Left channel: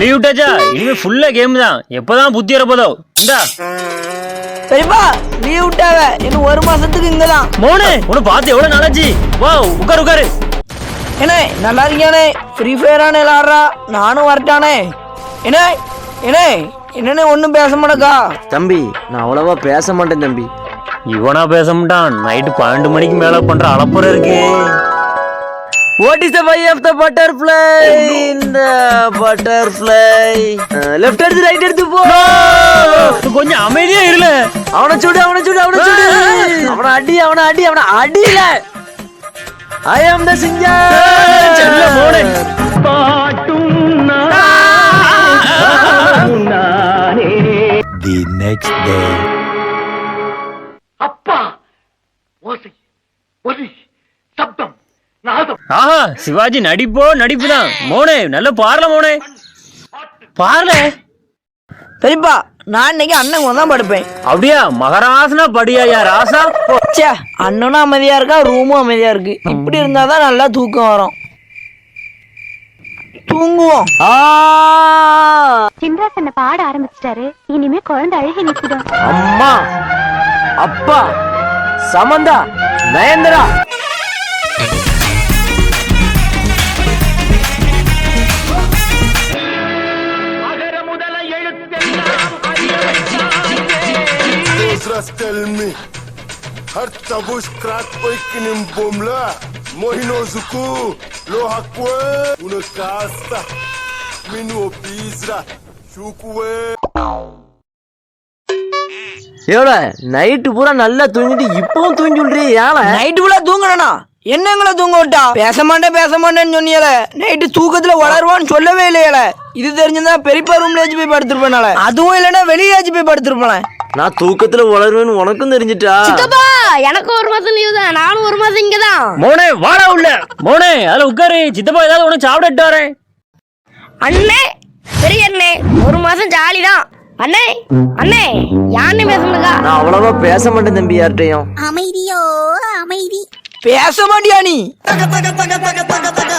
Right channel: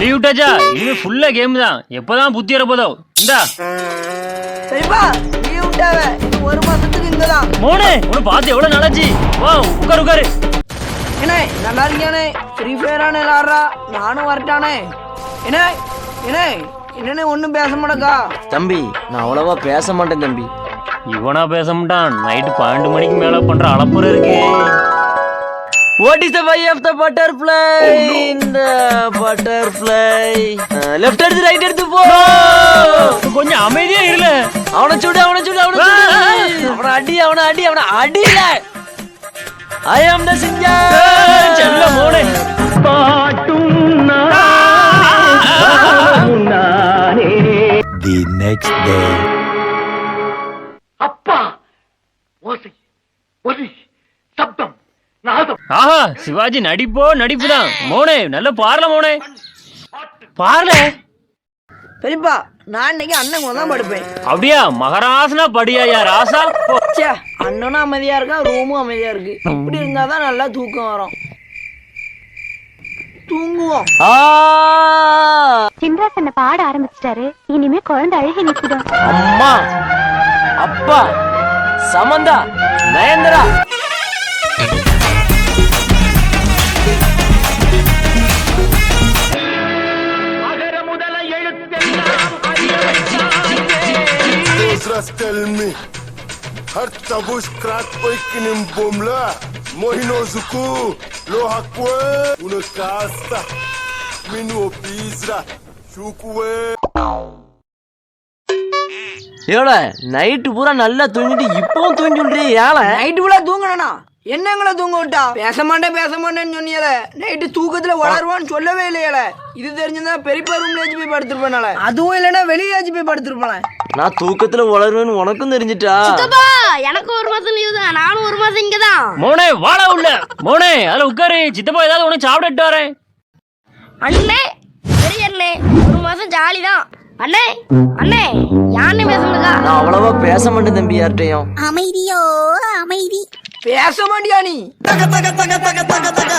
Leave விட்டாச்சா? இனிமே ஃபுல்லா game தான். எப்பதான் புத்தி வரப்போதோ? இந்தா சரிப்பா, லீவ் விட்டாவ இன்னும் 1 மாசத்துக்கு இங்கதான். மோனே உன்னை பார்த்து எவ்வளவு நாளாச்சு. வா உட்காரு உட்காரு. ஏனே நல்லா இருக்கியானே? ஃப்ரீ ஃபயரானே விளாடுறா, நானும் வரட்டானே. என்ன என்ன என்னன்னு ஒன்னும் பேச மாட்டேக்கா? தம்பி நான் அவ்வளவா பேச மாட்டேன் தம்பி. இவனா பேச மாட்டான். நைட்டு 12 மணிக்கு மேல பண்ற அளப்புற இருக்கு. What is the way of the butterfly? In the butterfly. Left எடுத்து right எடுத்து போ. கொஞ்சம் அமைதியா இருல. அவனை சுடு அவனை சுடு அவனை சுடு. அவனை அடி அவனை அடி அவனை அடியில. I am the singer. செல்ல மோனே. The next day. அப்பா ஓசை ஒலி சப்தம் நாதம். ஆஹா சிவாஜி நடிப்போ நடிப்புதான். மோனே நல்ல பாரல மோனே. பாரல. சரிப்பா, நான் இன்னைக்கு அண்ணன் தான் படுப்பேன். அப்படியா? மகராசனா படியா யார் ராசா? ச்சே, அண்ணனும் அமைதியா இருக்கா, ரூமும் அமைதியா இருக்கு. இப்படி இருந்தாதான் நல்லா தூக்கம் வரும். தூங்குவோம். சின்ராஸ் என்ன பாட ஆரம்பிச்சிட்டாரு. இனிமே குழந்தை அழுகி நிற்குதா? அம்மா அப்பா சமந்தா நயன்தரா. அகர முதல எழுத்தெல்லாம் Tell me, har tabush krat oikinim bomla, mohino zuku, lohakwe, una casa, minu pizza, shukwe. ஏடா நைட்டு பூரா நல்லா தூங்கிட்டு இப்பவும் தூங்கி சொல்றீ ஏழை? நைட்டு ஃபுல்லா தூங்கணும்னா என்னங்களை தூங்க விட்டா? பேச மாட்டேன்னு சொன்னியல. நைட்டு தூக்கத்துல வளருவான்னு சொல்லவே இல்லையல. இது தெரிஞ்சிருந்தா பெரியப்பா ரூம்ல ஏச்சு போய் படுத்திருப்பேனால. அதுவும் இல்லைன்னா வெளியே ஏச்சு போய் படுத்திருப்பேன். நான் தூக்கத்துல வளருவேன்னு உனக்கும் தெரிஞ்சிட்டா? எனக்கு 1 மாசம் லீவு தான். நானும் 1 மாசம் இங்கதான். மோனே வாடா உள்ள. மோனே அதுல உட்காரு. சித்தப்பா ஏதாவது உனக்கு சாப்பிட்டு வரேன். அண்ணே சரி அண்ணே, 1 மாசம் ஜாலி தான். அண்ணே அண்ணே யாருன்னு பேசணுதா? நான் அவ்வளவா பேச மாட்டேன் தம்பி யார்கிட்டையும். அமைதியோ அமைதி. பேச மாட்டியா நீ? தக தக தக தக தக தக